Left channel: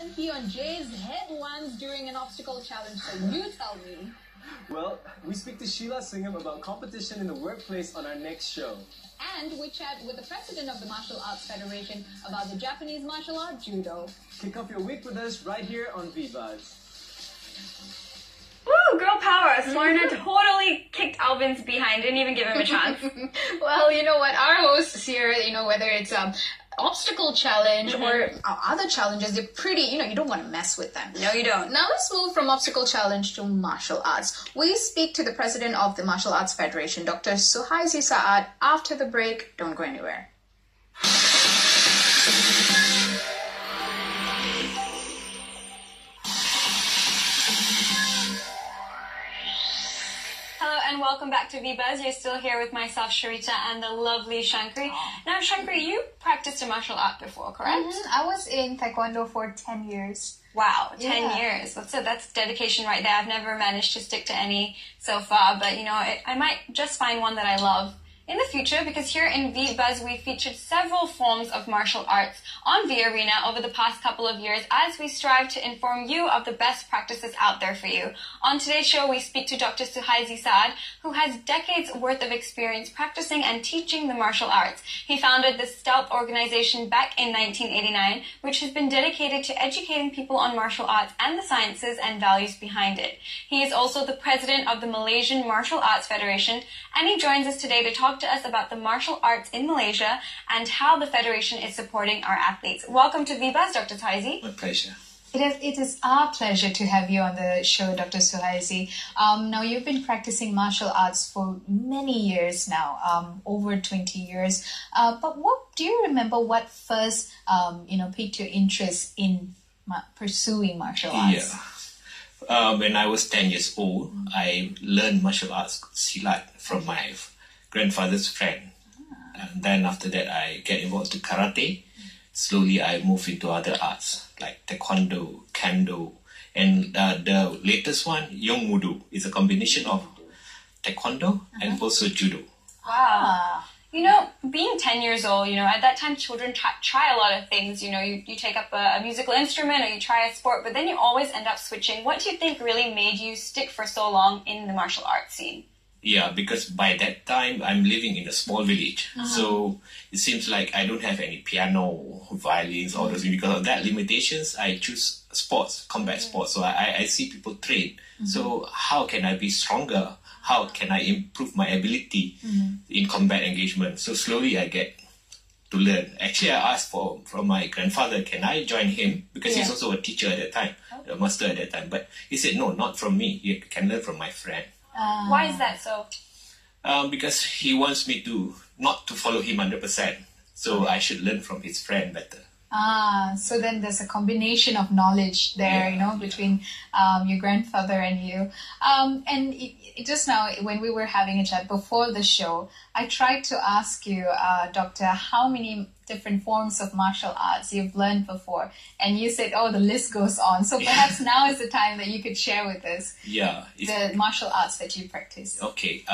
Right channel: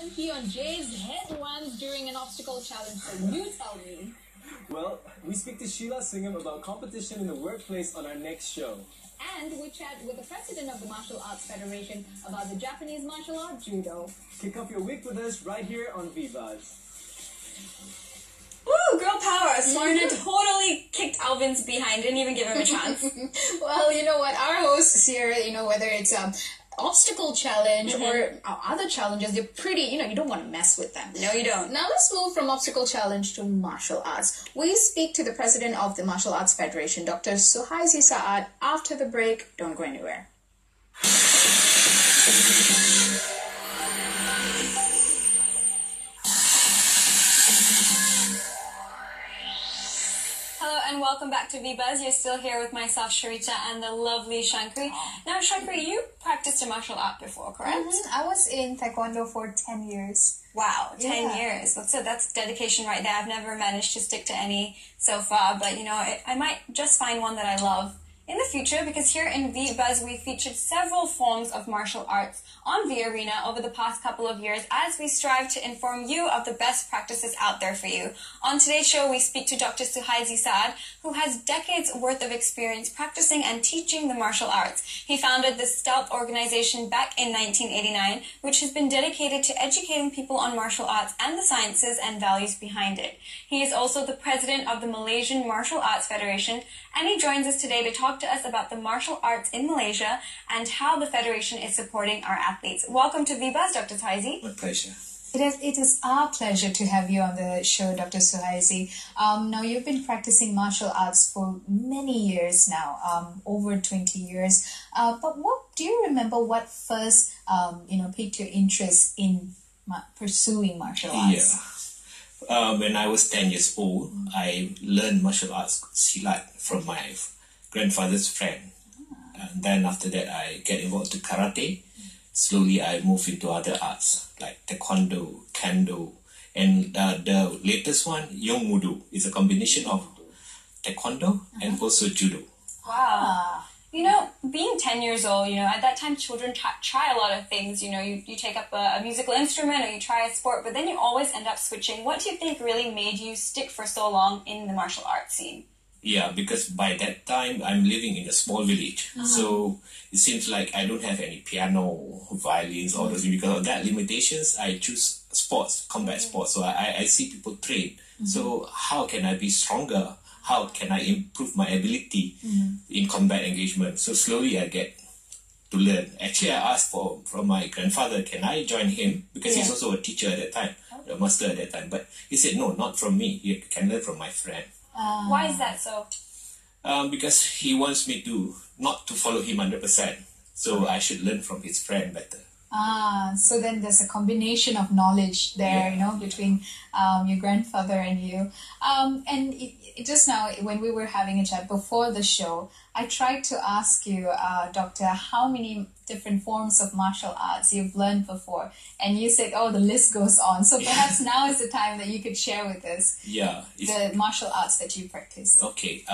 wasn't he on Jay's headlines during an obstacle challenge? So you tell me. Well, we speak to Sheila Singham about competition in the workplace on our next show. And we chat with the president of the Martial Arts Federation about the Japanese martial art judo. Kick off your week with us right here on Vbuzz. Woo, girl power! Smolena totally kicked Alvin's behind, didn't even give him a chance. Well, you know what? Our hosts here, whether it's obstacle challenge or other challenges, they're pretty, you don't want to mess with them. No, you don't. Now let's move from obstacle challenge to martial arts. We speak to the president of the Martial Arts Federation, Dr. Suhaisi Saad, after the break. Don't go anywhere. Hello and welcome back to Vbuzz. You're still here with myself, Sharita, and the lovely Shankri. Now, Shankri, you practiced a martial art before, correct? I was in Taekwondo for 10 years. Wow, 10 years. That's dedication right there. I've never managed to stick to any so far, but I might just find one that I love in the future, because here in Vbuzz we featured several forms of martial arts on V Arena over the past couple of years as we strive to inform you of the best practices out there for you. On today's show we speak to Dr. Suhaisi Saad, who has decades worth of experience practicing and teaching the martial arts. He founded the Stealth organization back in 1989, which has been dedicated to educating people on martial arts and the sciences and values behind it. He is also the president of the Malaysian Martial Arts Federation, and he joins us today to talk to us about the martial arts in Malaysia and how the Federation is supporting our athletes. Welcome to Vbuzz, Dr. Suhaisi. My pleasure. It is our pleasure to have you on the show, Dr. Suhaisi. Now, you've been practicing martial arts for many years now, over 20 years. But do you remember what first, piqued your interest in pursuing martial arts? Yeah. When I was 10 years old, I learned martial arts silat from my grandfather's friend. And then after that, I get involved in karate. Slowly, I move into other arts like taekwondo, kendo, and the latest one, Yong Mudu, is a combination of taekwondo and also judo. Wow. Being 10 years old, at that time children try a lot of things. You take up a musical instrument or you try a sport, but then you always end up switching. What do you think really made you stick for so long in the martial arts scene? Yeah, because by that time, I'm living in a small village. So it seems like I don't have any piano, violins, all those. Because of that limitations, I choose sports, combat sports. So I see people train. So how can I be stronger? How can I improve my ability in combat engagement? So slowly I get to learn. Actually, I asked from my grandfather, can I join him? Because he's also a teacher at that time, a master at that time. But he said, no, not from me. You can learn from my friend. Why is that so? Because he wants me not to follow him 100%. So I should learn from his friend better. So then there's a combination of knowledge there, between your grandfather and you. And just now, when we were having a chat before the show, I tried to ask you, Doctor, how many different forms of martial arts you've learned before. And you said, the list goes on. So perhaps now is the time that you could share with us the martial arts that you practice. Okay.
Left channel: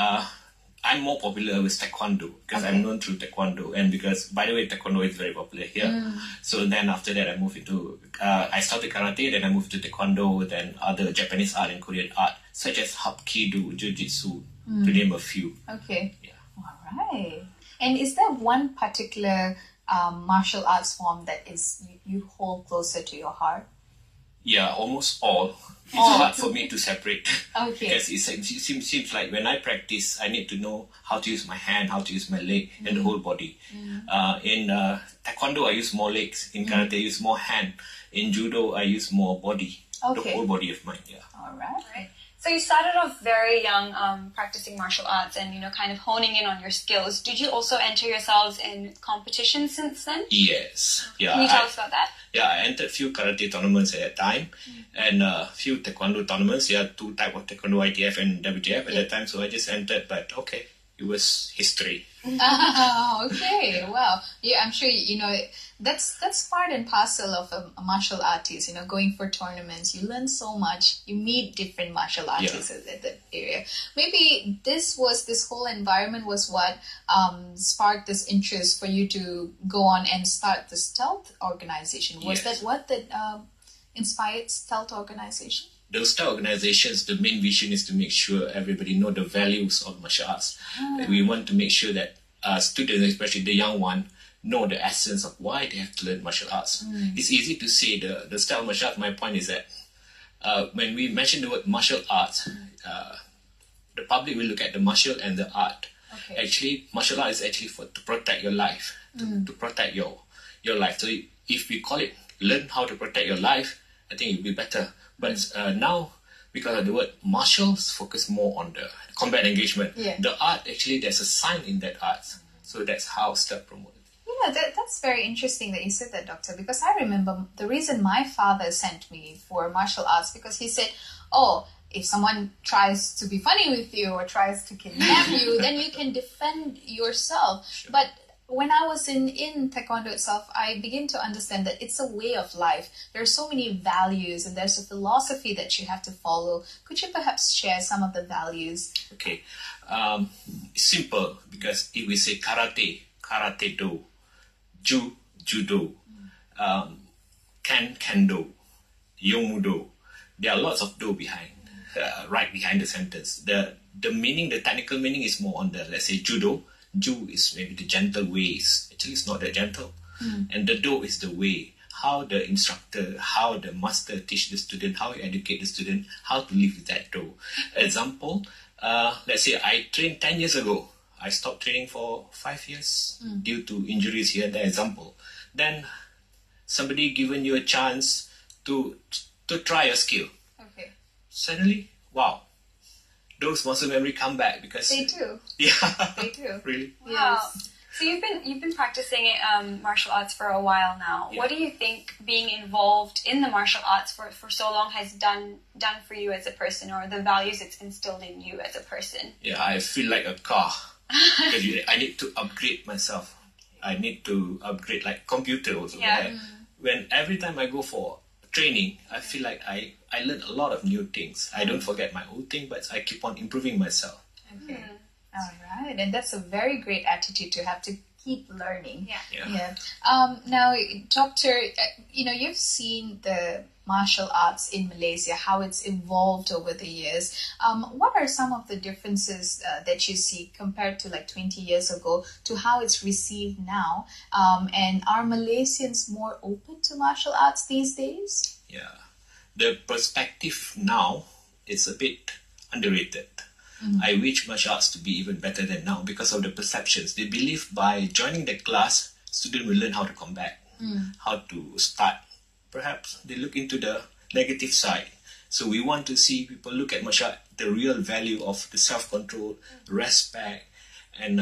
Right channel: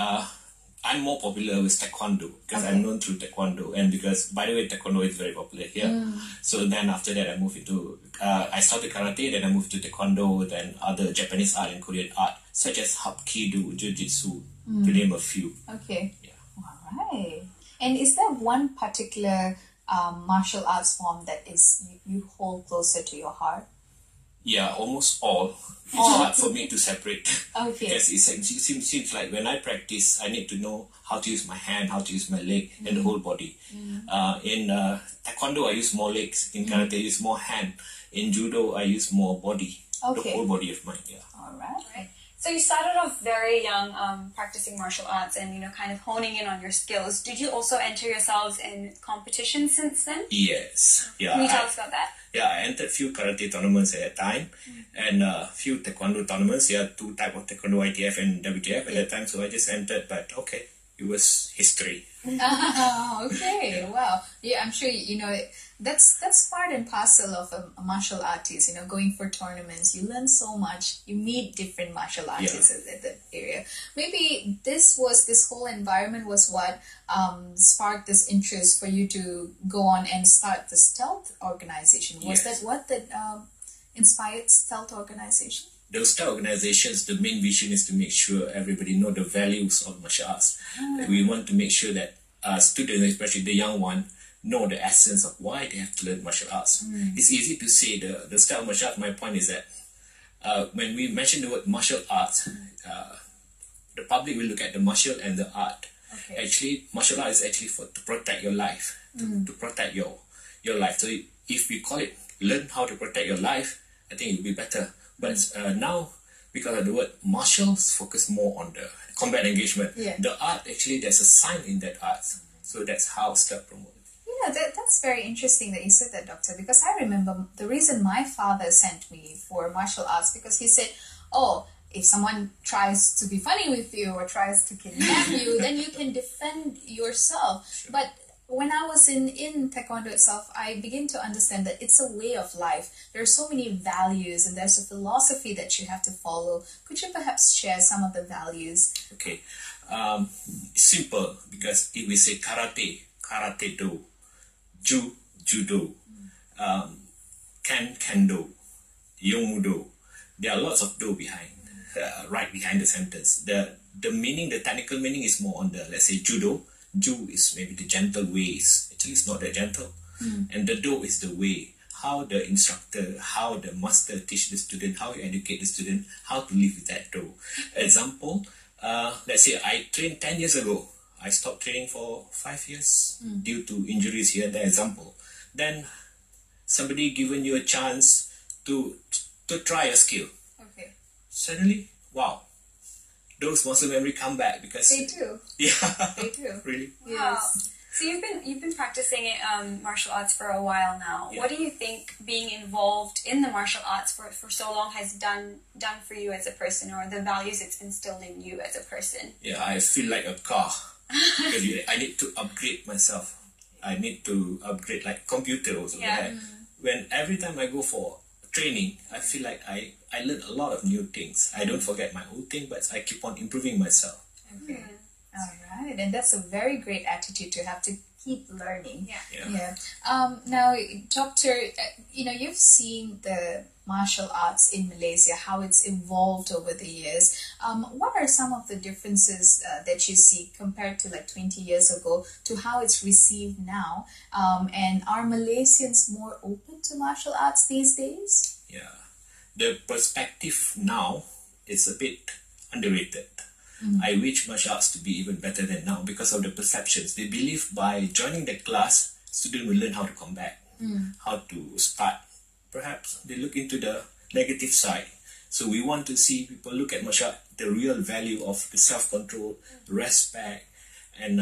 I'm more popular with taekwondo because I'm known through taekwondo, and because, by the way, taekwondo is very popular here. So then after that, I moved into, I started karate, then I moved to taekwondo, then other Japanese art and Korean art, such as hapkido, jiu-jitsu, to name a few. Okay. Yeah. All right. And is there one particular martial arts form that you hold closer to your heart? Yeah, almost all. It's hard for me to separate. Okay. Because it seems like when I practice, I need to know how to use my hand, how to use my leg, and the whole body. In taekwondo, I use more legs. In karate, I use more hand. In judo, I use more body. The whole body of mine, yeah. All right. So you started off very young practicing martial arts and, kind of honing in on your skills. Did you also enter yourselves in competitions since then? Yes. Yeah. Can you tell us about that? Yeah, I entered a few karate tournaments at that time and a few taekwondo tournaments. There are two types of taekwondo, ITF and WTF at that time. So I just entered, but okay, it was history. Okay, wow. Yeah, I'm sure that's part and parcel of a martial artist. Going for tournaments, you learn so much. You meet different martial artists at that area. Maybe this whole environment was what sparked this interest for you to go on and start the Stealth organization. Was that what inspired stealth organization? Those type of organizations, the main vision is to make sure everybody know the values of martial arts. We want to make sure that students, especially the young one, know the essence of why they have to learn martial arts. It's easy to say the style of martial arts. My point is that when we mention the word martial arts, the public will look at the martial and the art. Okay. Actually, martial art is actually to protect your life, to protect your life. So if we call it learn how to protect your life, I think it will be better. But now, because of the word martials, focus more on the combat engagement. Yeah. The art, actually, there's a sign in that art. So that's how stealth promotes. Yeah, that's very interesting that you said that, Doctor, because I remember the reason my father sent me for martial arts, because he said, oh, if someone tries to be funny with you or tries to kidnap you, then you can defend yourself. Sure. But when I was in Taekwondo itself, I began to understand that it's a way of life. There are so many values and there's a philosophy that you have to follow. Could you perhaps share some of the values? Okay. Simple, because if we say karate, karate do, judo, kendo, yomudo, there are lots of do behind, right behind the sentence. The meaning, the technical meaning is more on the, let's say, judo. Ju is maybe the gentle ways. Actually, it's not that gentle. And the do is the way. How the instructor, how the master teach the student, how you educate the student, how to live with that do. Example, let's say I trained 10 years ago. I stopped training for 5 years due to injuries here and there. Example. Then somebody given you a chance to try a skill. Okay. Suddenly, wow. Those muscle memory come back because They do. Yeah, They do. really. Wow. Yes. So you've been practicing martial arts for a while now. Yeah. What do you think being involved in the martial arts for so long has done for you as a person, or the values it's instilled in you as a person? Yeah, I feel like a car. I need to upgrade myself. I need to upgrade like computer also. Yeah. When every time I go for training, I feel like I learn a lot of new things. I don't forget my old thing, but I keep on improving myself. Okay. All right. And that's a very great attitude to have, to keep learning. Yeah. Yeah. Now, Doctor, you've seen the martial arts in Malaysia, how it's evolved over the years. What are some of the differences that you see compared to like 20 years ago to how it's received now? And are Malaysians more open to martial arts these days? Yeah. The perspective now is a bit underrated. I wish martial arts to be even better than now because of the perceptions. They believe by joining the class, students will learn how to combat, how to start. Perhaps they look into the negative side. So we want to see people look at martial art, the real value of the self-control, respect, and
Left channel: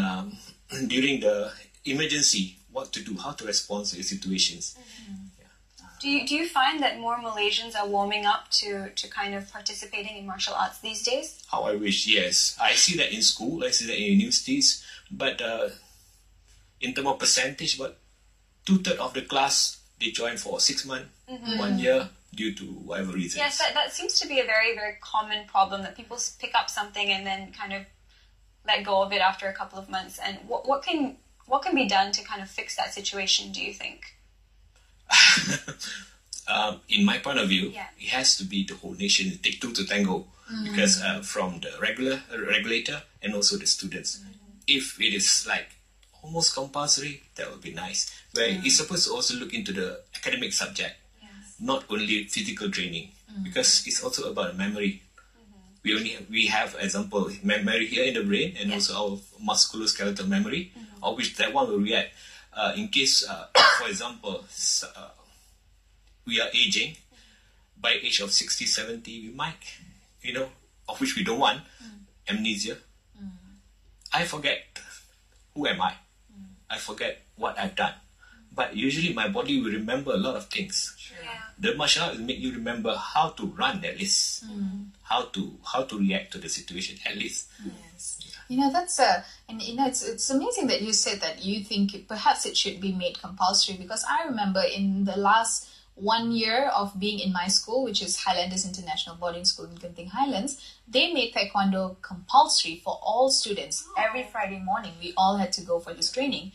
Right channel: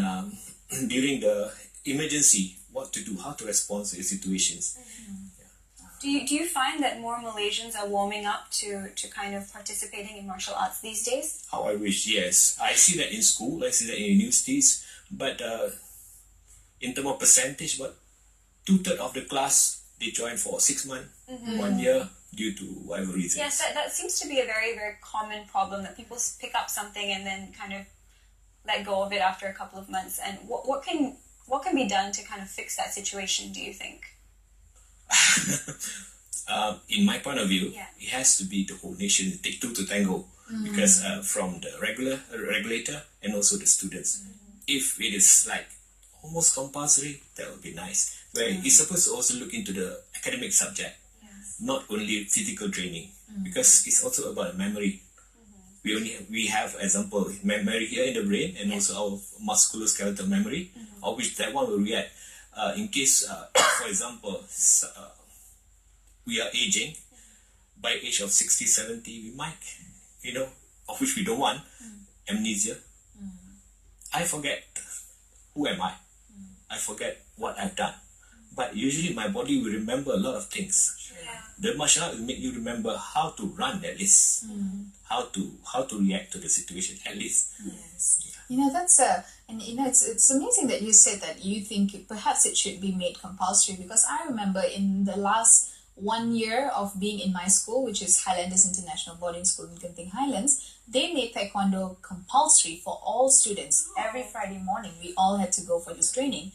during the emergency, what to do, how to respond to the situations. Do you find that more Malaysians are warming up to kind of participating in martial arts these days? How I wish, yes. I see that in school, I see that in universities, but in terms of percentage, about 2/3 of the class, they join for 6 months, 1 year, due to whatever reasons. Yes, that seems to be a very, very common problem, that people pick up something and then kind of let go of it after a couple of months. And what can be done to kind of fix that situation, do you think? In my point of view, Yeah. it has to be the whole nation, take two to tango, because from the regulator and also the students. If it is like almost compulsory, that would be nice. Where it's supposed to also look into the academic subject, not only physical training, because it's also about memory. We have example memory here in the brain and also our musculoskeletal memory, of which that one will react. In case, for example, we are aging, by age of 60, 70, we might, of which we don't want, amnesia. I forget who am I. I forget what I've done. But usually my body will remember a lot of things. Yeah. The martial art will make you remember how to run at least, how to react to the situation at least. Yes. It's amazing that you said that you think perhaps it should be made compulsory, because I remember in the last 1 year of being in my school, which is Highlanders International Boarding School in Genting Highlands, they made Taekwondo compulsory for all students. Every Friday morning, we all had to go for this training.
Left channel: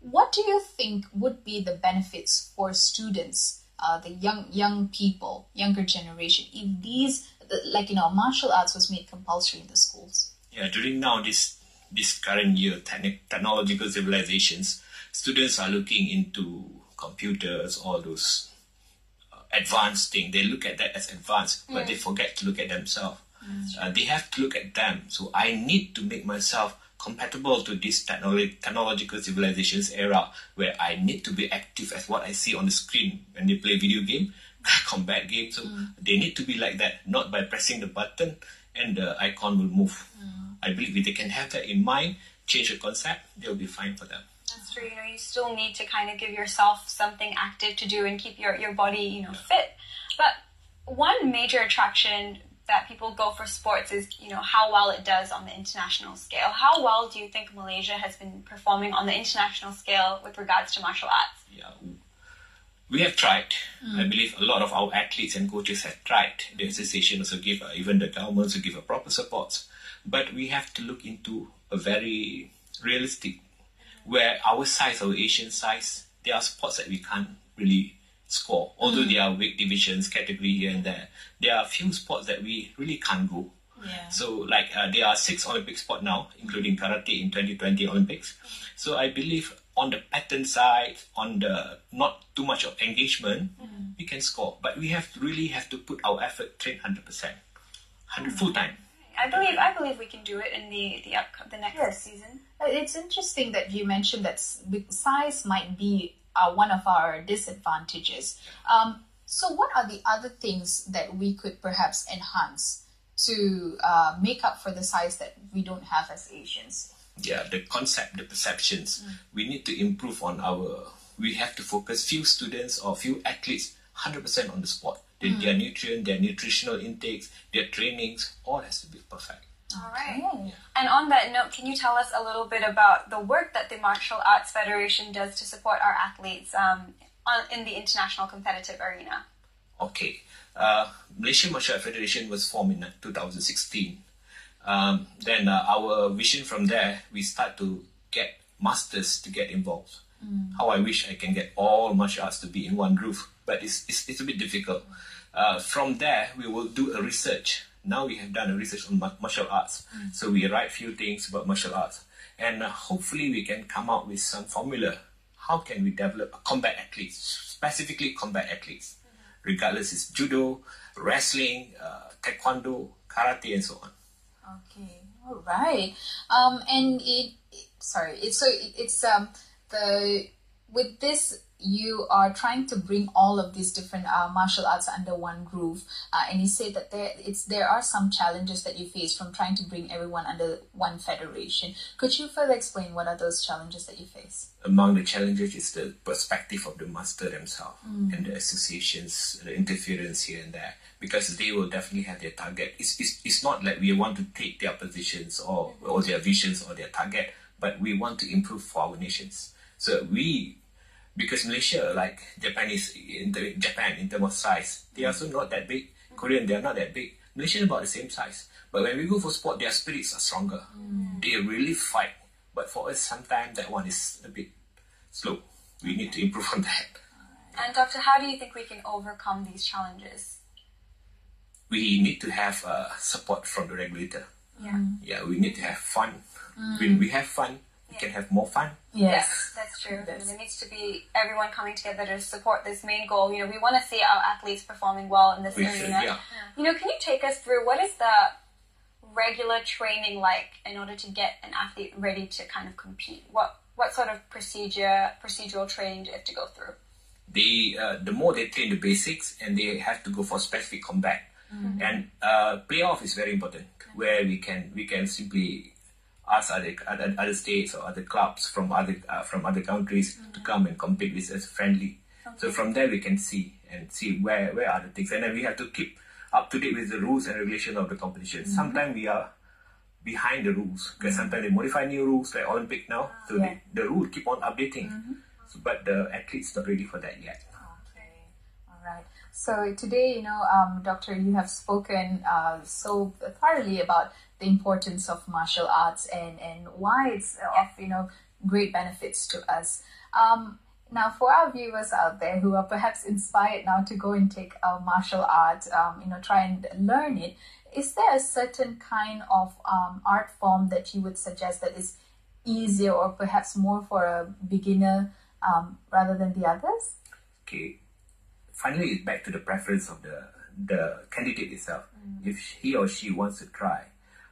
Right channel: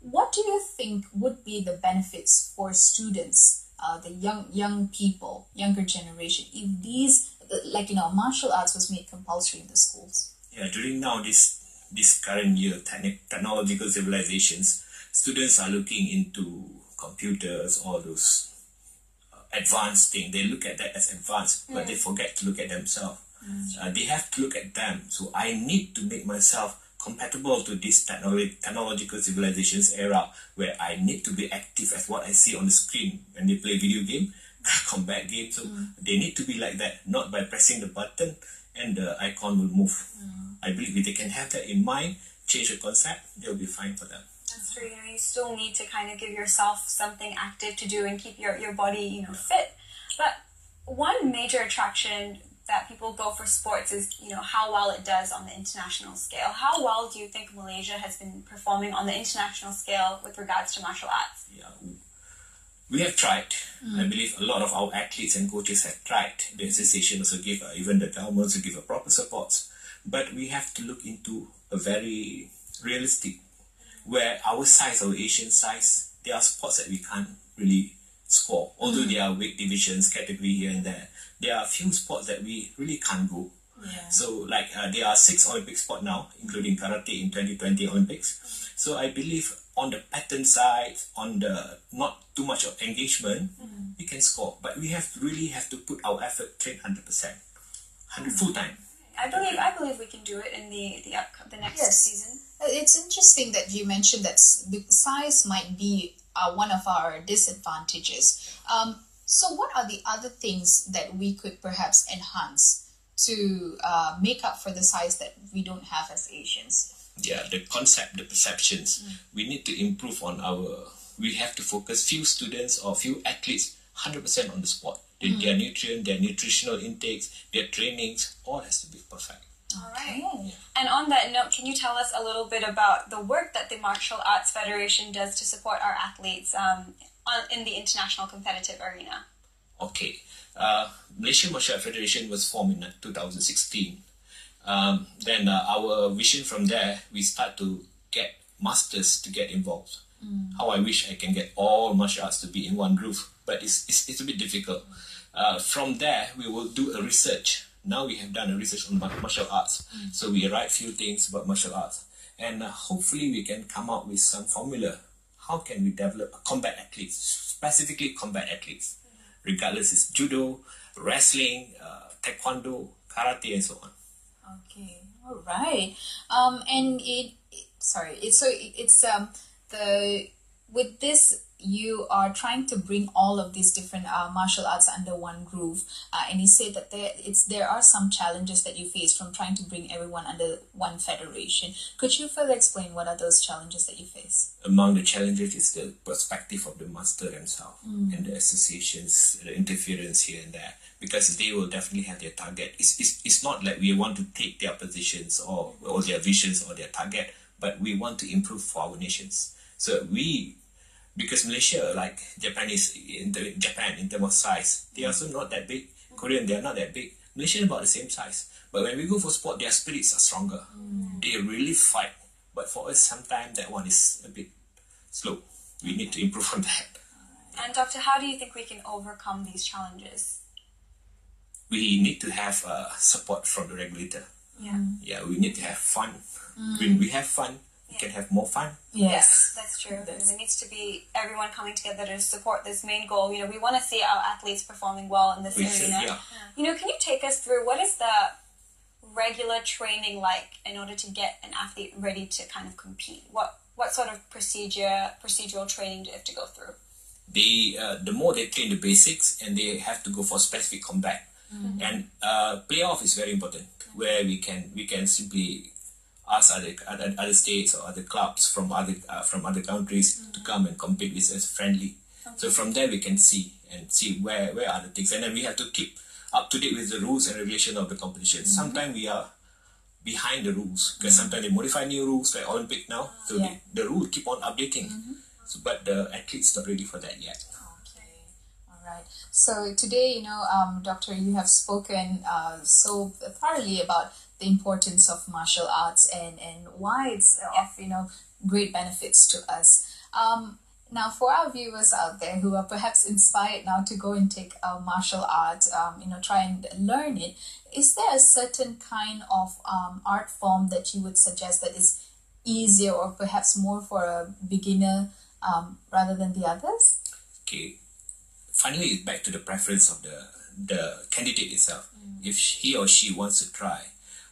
What do you think would be the benefits for students the young people, younger generation, if these, like, martial arts was made compulsory in the schools? Yeah, during now this current year, technological civilizations, students are looking into computers, all those advanced things. They look at that as advanced, but they forget to look at themselves. They have to look at them. So I need to make myself compatible to this technological civilizations era, where I need to be active as what I see on the screen when they play video game, combat game. So they need to be like that, not by pressing the button and the icon will move. I believe if they can have that in mind, change the concept, they'll be fine for them. That's true. You still need to kind of give yourself something active to do and keep your body, fit. But one major attraction that people go for sports is, how well it does on the international scale. How well do you think Malaysia has been performing on the international scale with regards to martial arts? Yeah, we have tried. I believe a lot of our athletes and coaches have tried. The association also give, even the government also give a proper support. But we have to look into a very realistic, where our size, our Asian size, there are sports that we can't really score. Although there are weight divisions, category here and there are a few sports that we really can't go. Yeah. So there are 6 Olympic sports now, including karate in 2020 Olympics. So I believe on the pattern side, on the not too much of engagement, we can score. But we really have to put our effort, train 100%, full time. I believe we can do it in the next season. It's interesting that you mentioned that size might be one of our disadvantages. So what are the other things that we could perhaps enhance to make up for the size that we don't have as Asians? Yeah, the concept, the perceptions. We need to improve on we have to focus few students or few athletes 100% on the sport. Their nutrient, their nutritional intakes, their trainings, all has to be perfect. All right. And on that note, can you tell us a little bit about the work that the Martial Arts Federation does to support our athletes in the international competitive arena? Okay. Malaysian Martial Arts Federation was formed in 2016. Then our vision from there, we start to get masters to get involved. How I wish I can get all martial arts to be in one roof, but it's a bit difficult. From there, we will do a research. Now we have done a research on martial arts. So we write few things about martial arts. And hopefully we can come out with some formula. How can we develop combat athletes, specifically combat athletes, regardless it's judo, wrestling, taekwondo, karate, and so on. Okay, all right. With this, you are trying to bring all of these different martial arts under one roof, and you say that there are some challenges that you face from trying to bring everyone under one federation. Could you further explain what are those challenges that you face? Among the challenges is the perspective of the master themselves and the associations, the interference here and there, because they will definitely have their target. It's not like we want to take their positions or their visions or their target, but we want to improve for our nations. So because Malaysia, like Japan in terms of size, they are also not that big. Korean, they are not that big. Malaysia is about the same size. But when we go for sport, their spirits are stronger. They really fight. But for us, sometimes that one is a bit slow. We need to improve on that. And Doctor, how do you think we can overcome these challenges? We need to have support from the regulator. Yeah, we need to have fun. When we have fun, we can have more fun. Yes, that's true. There needs to be everyone coming together to support this main goal. We want to see our athletes performing well in this arena. Can you take us through what is the regular training like in order to get an athlete ready to kind of compete? What sort of procedural training do you have to go through? The more they train the basics, and they have to go for specific combat. And playoff is very important, where we can simply ask other states or other clubs from other countries to come and compete with us friendly. So from there we can see where are the things, and then we have to keep up to date with the rules and regulation of the competition. Sometimes we are behind the rules, because sometimes they modify new rules like Olympic now, so the rule keep on updating. But the athletes not ready for that yet. Okay, all right. So today, Doctor, you have spoken so thoroughly about the importance of martial arts and why it's of great benefits to us. Now, for our viewers out there who are perhaps inspired now to go and take a martial art, try and learn it, is there a certain kind of art form that you would suggest that is easier or perhaps more for a beginner rather than the others? Okay, finally it's back to the preference of the candidate itself, if he or she wants to try.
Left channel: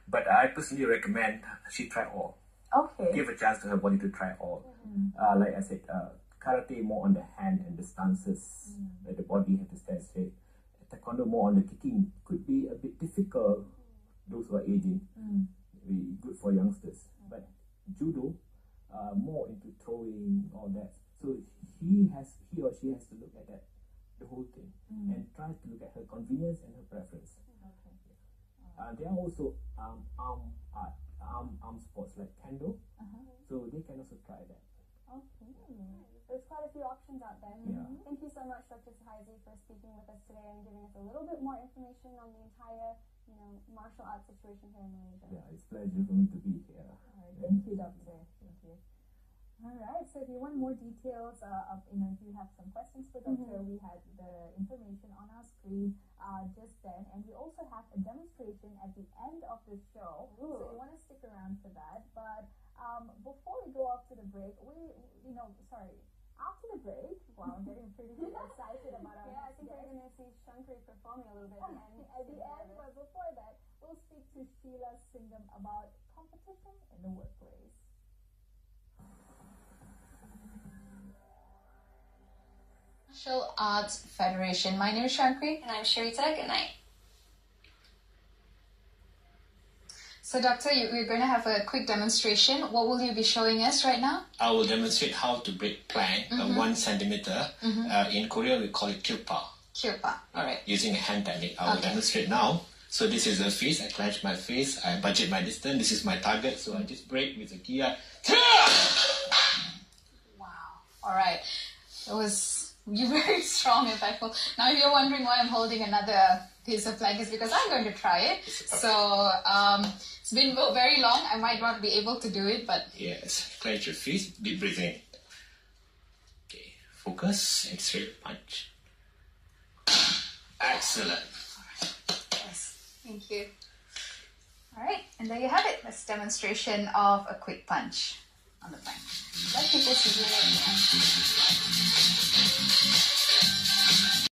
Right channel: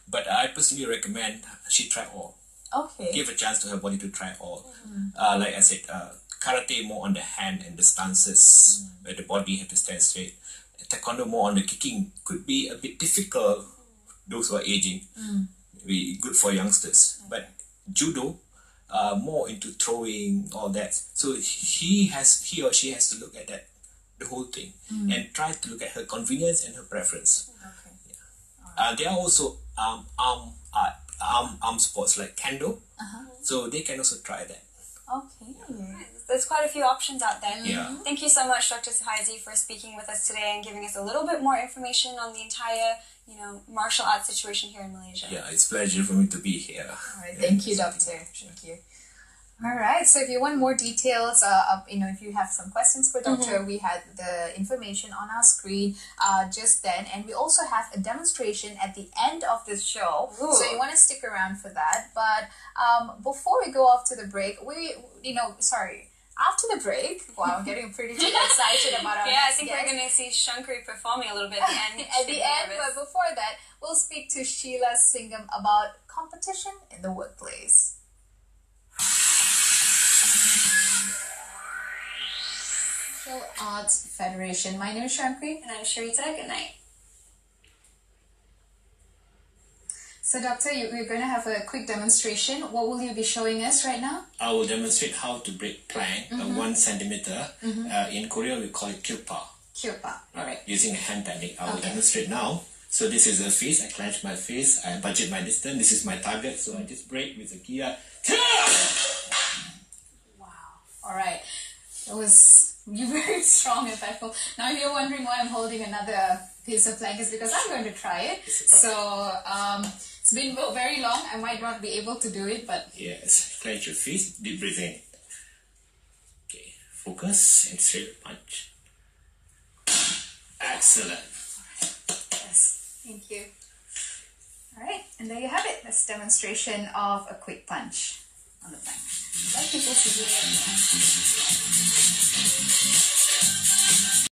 But I personally recommend she try all. Okay. Give a chance to her body to try all. Like I said, karate more on the hand and the stances where the body have to stand straight. Taekwondo more on the kicking could be a bit difficult. Those who are aging, be good for youngsters. But judo, more into throwing, all that. So he or she has to look at that, the whole thing, and try to look at her convenience and her preference. Okay. Yeah. There are also arm sports like kendo, so they can also try that. Okay. There's quite a few options out there. Yeah. Thank you so much, Dr. Suhaisi, for speaking with us today and giving us a little bit more information on the entire, martial arts situation here in Malaysia. Yeah, it's a pleasure for me to be here. All right. Thank you, Doctor. Thank you. All right. So if you want more details, if you have some questions for Doctor, we had the information on our screen just then, and we also have a demonstration at the end of this show. Ooh. So you want to stick around for that. But before we go off to the break, after the break, wow, I'm getting pretty excited about our Yeah, I next think guest. we're going to see Shankari performing a little bit at the end. At the end, but before that, we'll speak to Sheila Singham about competition in the workplace. Martial Arts Federation. My name is Shankari. And I'm Sharita. Good night. So, Doctor, we're going to have a quick demonstration. What will you be showing us right now? I will demonstrate how to break plank 1 centimeter. In Korea, we call it kilpa. Kilpa. All right. Using a hand technique. I will demonstrate now. So this is the face. I clench my face. I budget my distance. This is my target. So I just break with a kia. Wow. All right. You're very strong, if I feel. Now, if you're wondering why I'm holding another piece of plank, it's because I'm going to try it. So, it's been very long. I might not be able to do it, but... Yes. Clench your face. Deep breathing. Okay. Focus and straight punch. Excellent. Yes. Thank you. All right. And there you have it. That's a demonstration of a quick punch on the plank. I'd like people to do it.